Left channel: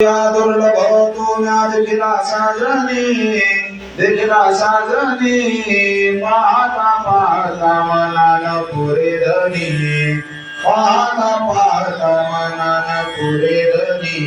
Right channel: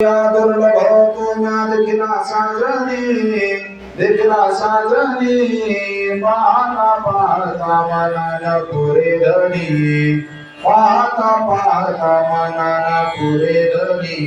या दुर्लभ तो म्या देखिला साजनी पाहता पाहता मनान पुरे धनी पाहता पाहता मनान पुरे धनी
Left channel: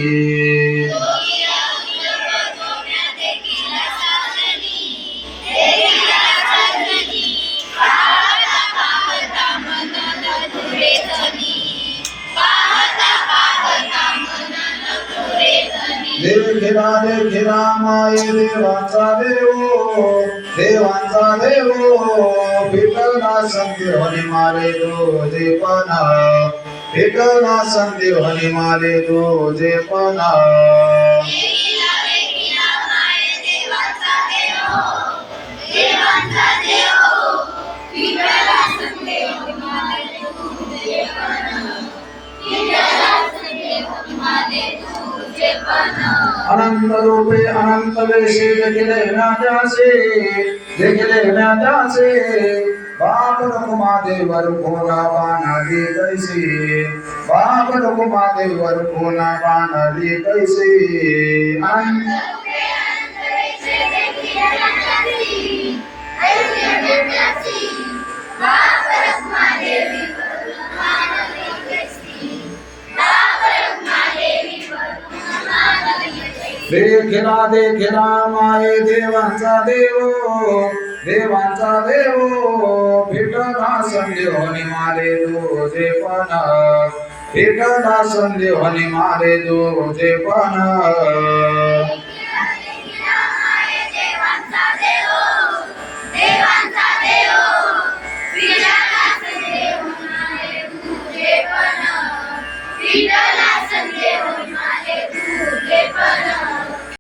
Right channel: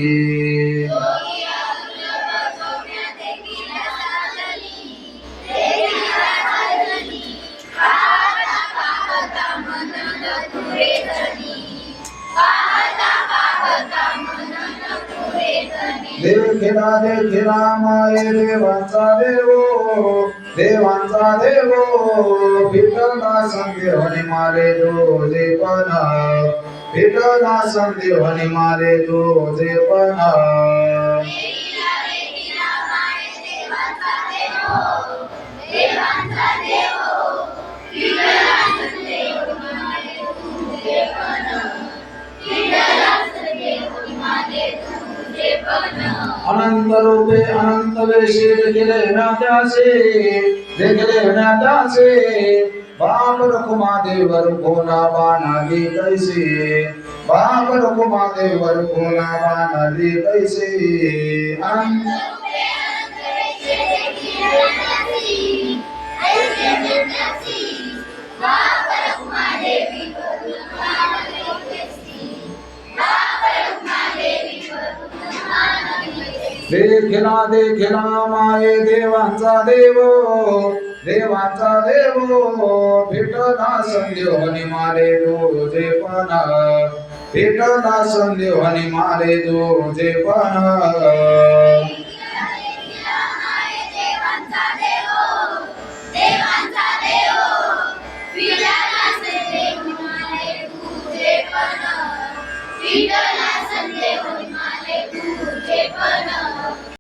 देखिला माये देवांचा देवो विठ्ठला संदेवानी मारे तुझे पण विठ्ठला संदेवानी मारे तुझे पण अनंत रूपे अनंत वेशी देखिले नात्यासे बाप रुकुमा देवर कोला बाणाली कैसे बाप रुकुमा देवर कोला बाणाली कैसे देखिला माये देवांचा देवो विठ्ठला संदेवानी मारे तुझे पण विठ्ठला संदेवानी मारे तुझे पण